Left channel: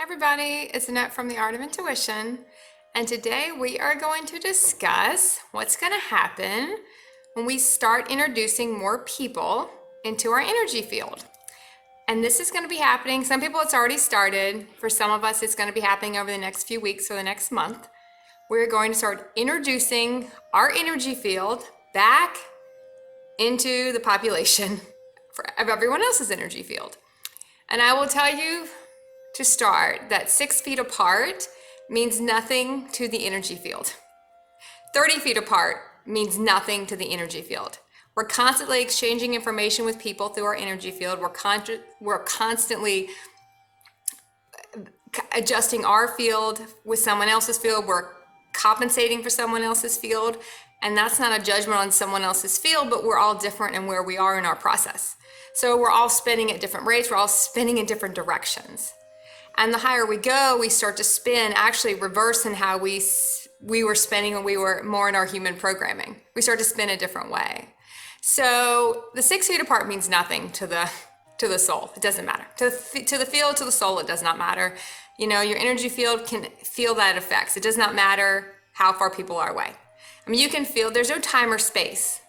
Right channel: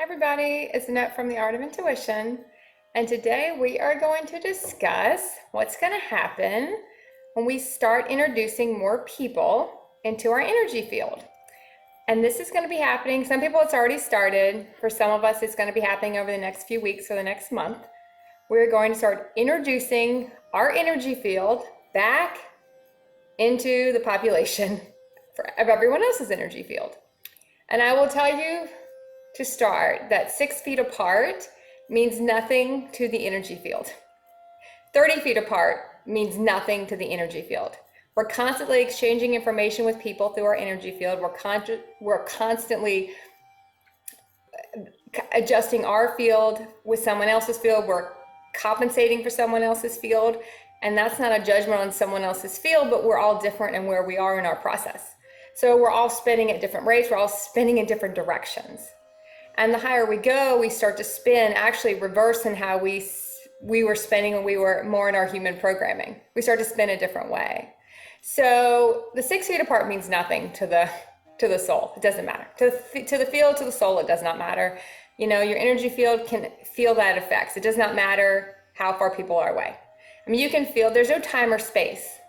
Hi everybody, it's Annette from The Art of Intuition, and today we are going to discuss what's going to happen when we start introducing more people into our energy field. And this is going to be happening, some people it's already started, for some of us it's going to be happening over the next few weeks or the next month. We're going to start introducing our energy field back into the population of everyone else's energy field. And I will tell you to start that 6 feet apart means nothing to the energy field. 30 feet apart means nothing to the energy field. We're constantly exchanging information with people through our energy field. We're constantly adjusting our field with someone else's field. We're compensating for someone else's field. And that's not a judgment on someone else's field, but we're all different in where we are in our process. So we're all spinning at different rates. We're all spinning in different directions. And the higher we go, we start to spin, actually reverse in how we were spinning when we were more in our human programming. We start to spin a different way. So the 6 feet apart means nothing to the soul. It doesn't matter. To the field, to the soul, it does not matter. You know, your energy field can feel that effects. It does not matter how far people are away. I mean, you can feel, there's no time or space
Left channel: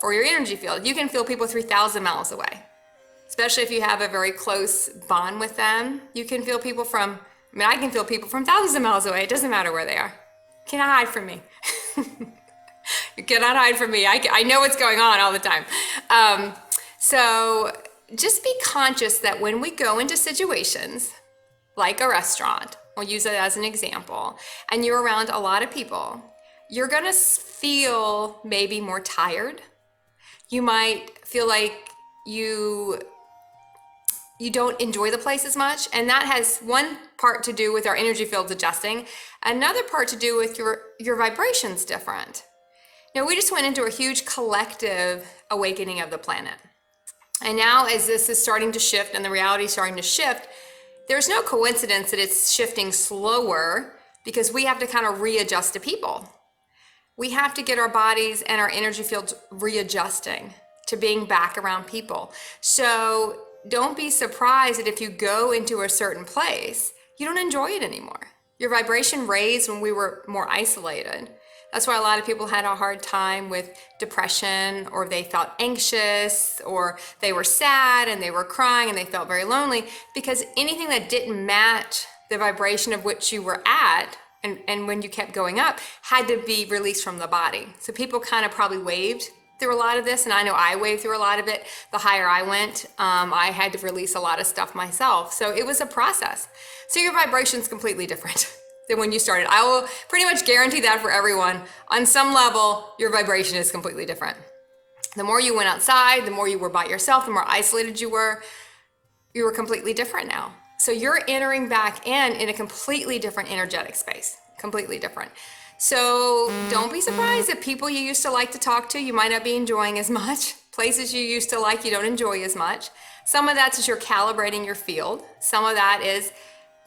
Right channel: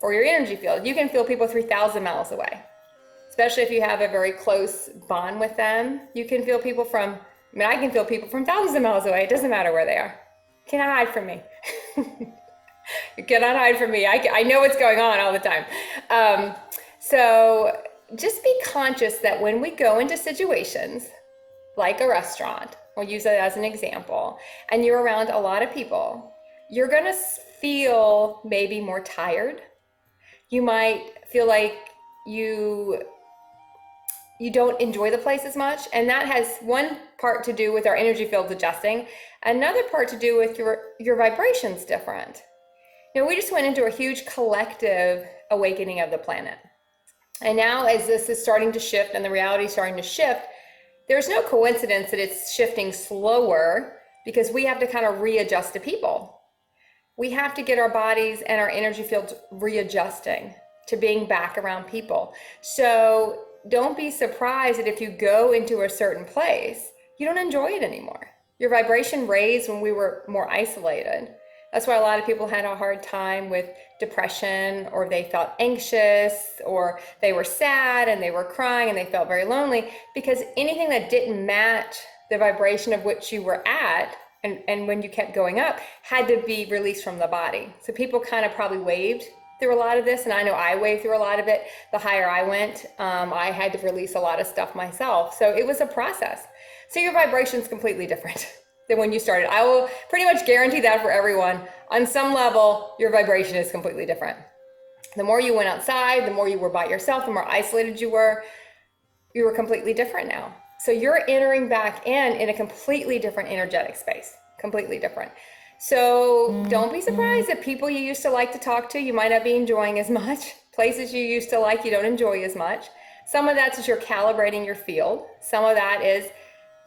for your energy field. You can feel people 3,000 miles away. Especially if you have a very close bond with them. You can feel people from, I can feel people from thousands of miles away. It doesn't matter where they are. You cannot hide from me. You cannot hide from me. I know what's going on all the time. So just be conscious that when we go into situations like a restaurant, we'll use it as an example, and you're around a lot of people, you're gonna feel maybe more tired. You might feel like you don't enjoy the place as much, and that has one part to do with our energy fields adjusting, another part to do with your vibrations different. Now, we just went into a huge collective awakening of the planet, and now as this is starting to shift and the reality is starting to shift, there's no coincidence that it's shifting slower, because we have to kind of readjust to people. We have to get our bodies and our energy fields readjusting to being back around people. So don't be surprised that if you go into a certain place, you don't enjoy it anymore. Your vibration raised when we were more isolated. That's why a lot of people had a hard time with depression, or they felt anxious, or they were sad and they were crying and they felt very lonely, because anything that didn't match the vibration of which you were at, and when you kept going up, had to be released from the body. So people kind of probably waved through a lot of this, and I know I waved through a lot of it. The higher I went, I had to release a lot of stuff myself. So it was a process. So your vibration is completely different than when you started. I will pretty much guarantee that for everyone. On some level, your vibration is completely different. The more you went outside, the more you were by yourself, the more isolated you were completely different now. So you're entering back in a completely different energetic space, completely different. So don't be surprised that people you used to like to talk to, you might not be enjoying as much. Places you used to like, you don't enjoy as much. Some of that's just you're calibrating your field. Some of that is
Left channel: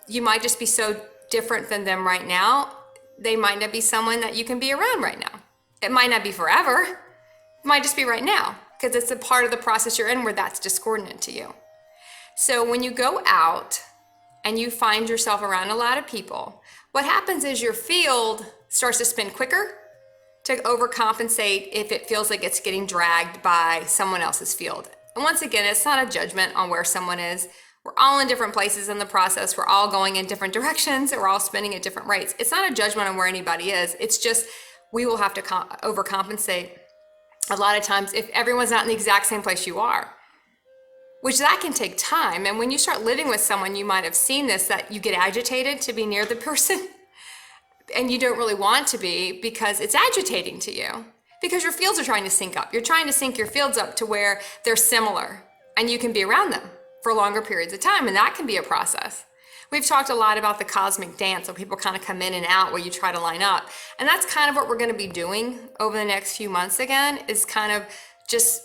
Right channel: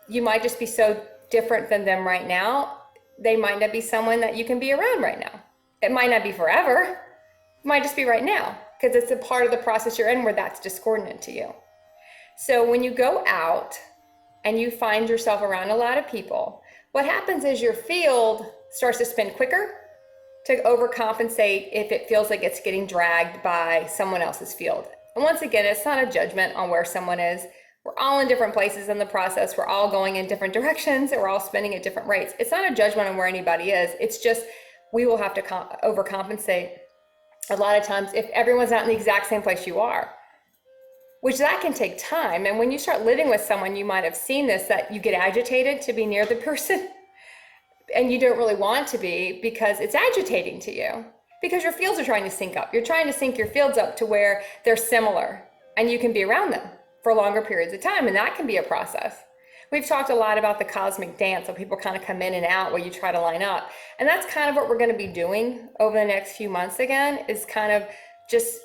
you might just be so different than them right now. They might not be someone that you can be around right now. It might not be forever. It might just be right now, because it's a part of the process you're in where that's discordant to you. So when you go out and you find yourself around a lot of people, what happens is your field starts to spin quicker to overcompensate if it feels like it's getting dragged by someone else's field. And once again, it's not a judgment on where someone is. We're all in different places in the process. We're all going in different directions, and we're all spinning at different rates. It's not a judgment on where anybody is. It's just we will have to overcompensate a lot of times if everyone's not in the exact same place you are, which that can take time. And when you start living with someone, you might have seen this, that you get agitated to be near the person and you don't really want to be, because it's agitating to you, because your fields are trying to sync up. You're trying to sync your fields up to where they're similar and you can be around them for longer periods of time. And that can be a process. We've talked a lot about the cosmic dance, so people kind of come in and out where you try to line up. And that's kind of what we're going to be doing over the next few months again, is kind of just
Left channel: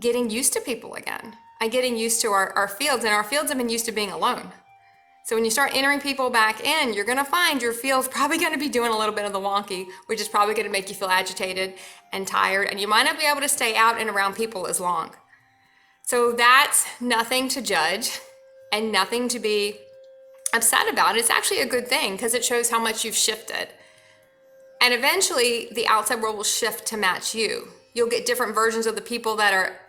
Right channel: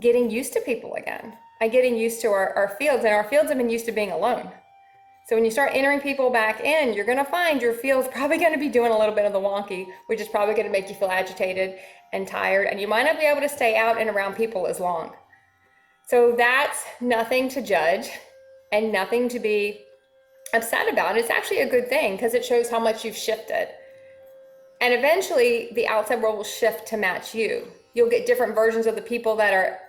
getting used to people again and getting used to our fields. And our fields have been used to being alone. So when you start entering people back in, you're going to find your field's probably going to be doing a little bit of the wonky, which is probably going to make you feel agitated and tired, and you might not be able to stay out and around people as long. So that's nothing to judge. and nothing to be upset about. It's actually a good thing because it shows how much you've shifted. And eventually the outside world will shift to match you. You'll get different versions of the people that are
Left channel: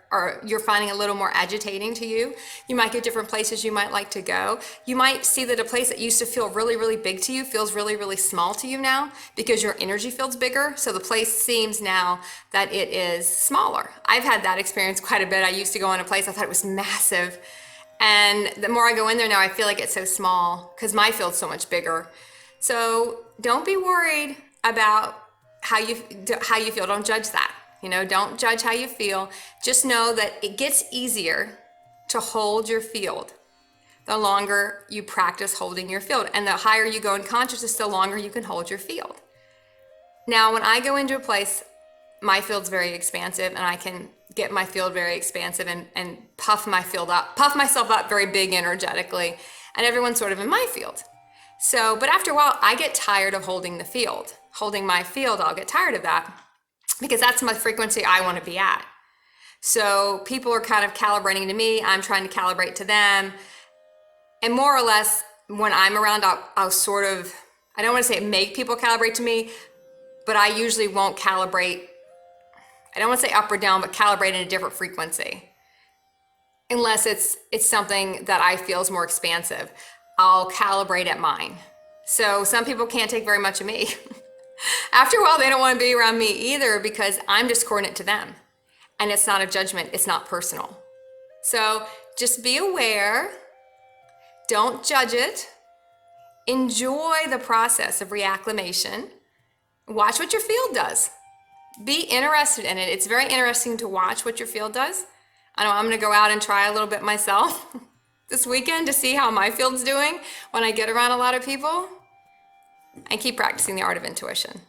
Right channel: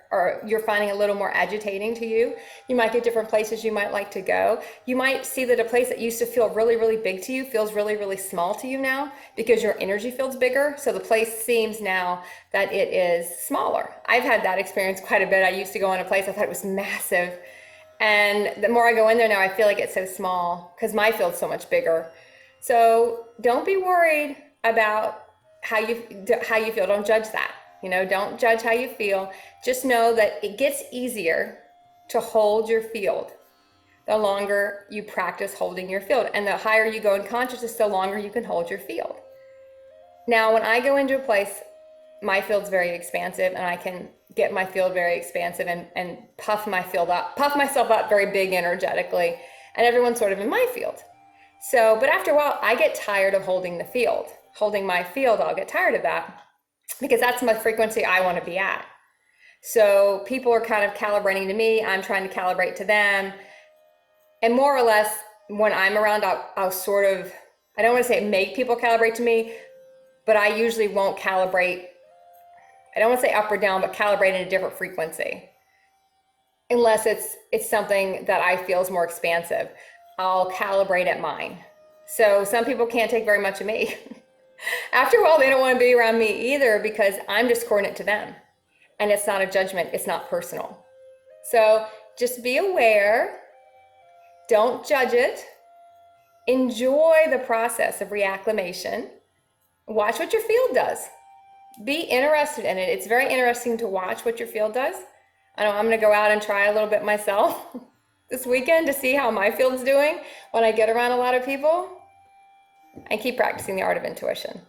you're finding a little more agitating to you. You might get different places you might like to go. You might see that a place that used to feel really, really big to you feels really, really small to you now because your energy feels bigger. So the place seems now that it is smaller. I've had that experience quite a bit. I used to go in a place, I thought it was massive. And the more I go in there now, I feel like it's so small because my field's so much bigger. So don't be worried about how you feel. Don't judge that. Don't judge how you feel. Just know that it gets easier to hold your field the longer you practice holding your field. And the higher you go in consciousness, the longer you can hold your field. Now, when I go into a place, my field's very expansive, and I can get my field very expansive and puff myself up very big energetically, and everyone's sort of in my field. So, but after a while, I get tired of holding the field. Holding my field, I'll get tired of that because that's my frequency I want to be at. So people are kind of calibrating to me. I'm trying to calibrate to them. And more or less, when I'm around, I'll sort of, I don't want to say make people calibrate to me, but I usually won't calibrate. I don't want to say up or down, but calibrate in a different frequency. Unless it's something that I feel is more expansive. I'll calibrate at mine. So some people can't take very much of me. After a while, they don't want to be around me either because I'm discordant to them. And it's not a judgment, it's not personal. So just be aware, don't judge it, enjoy the process of reacclimation, watch what your field does. Be interested in it. It's very interesting to watch what your field does. I know I'm gonna go out and try a little bit myself this weekend to see how my field's doing when I get around a lot of people. And keep practicing the art of intuition.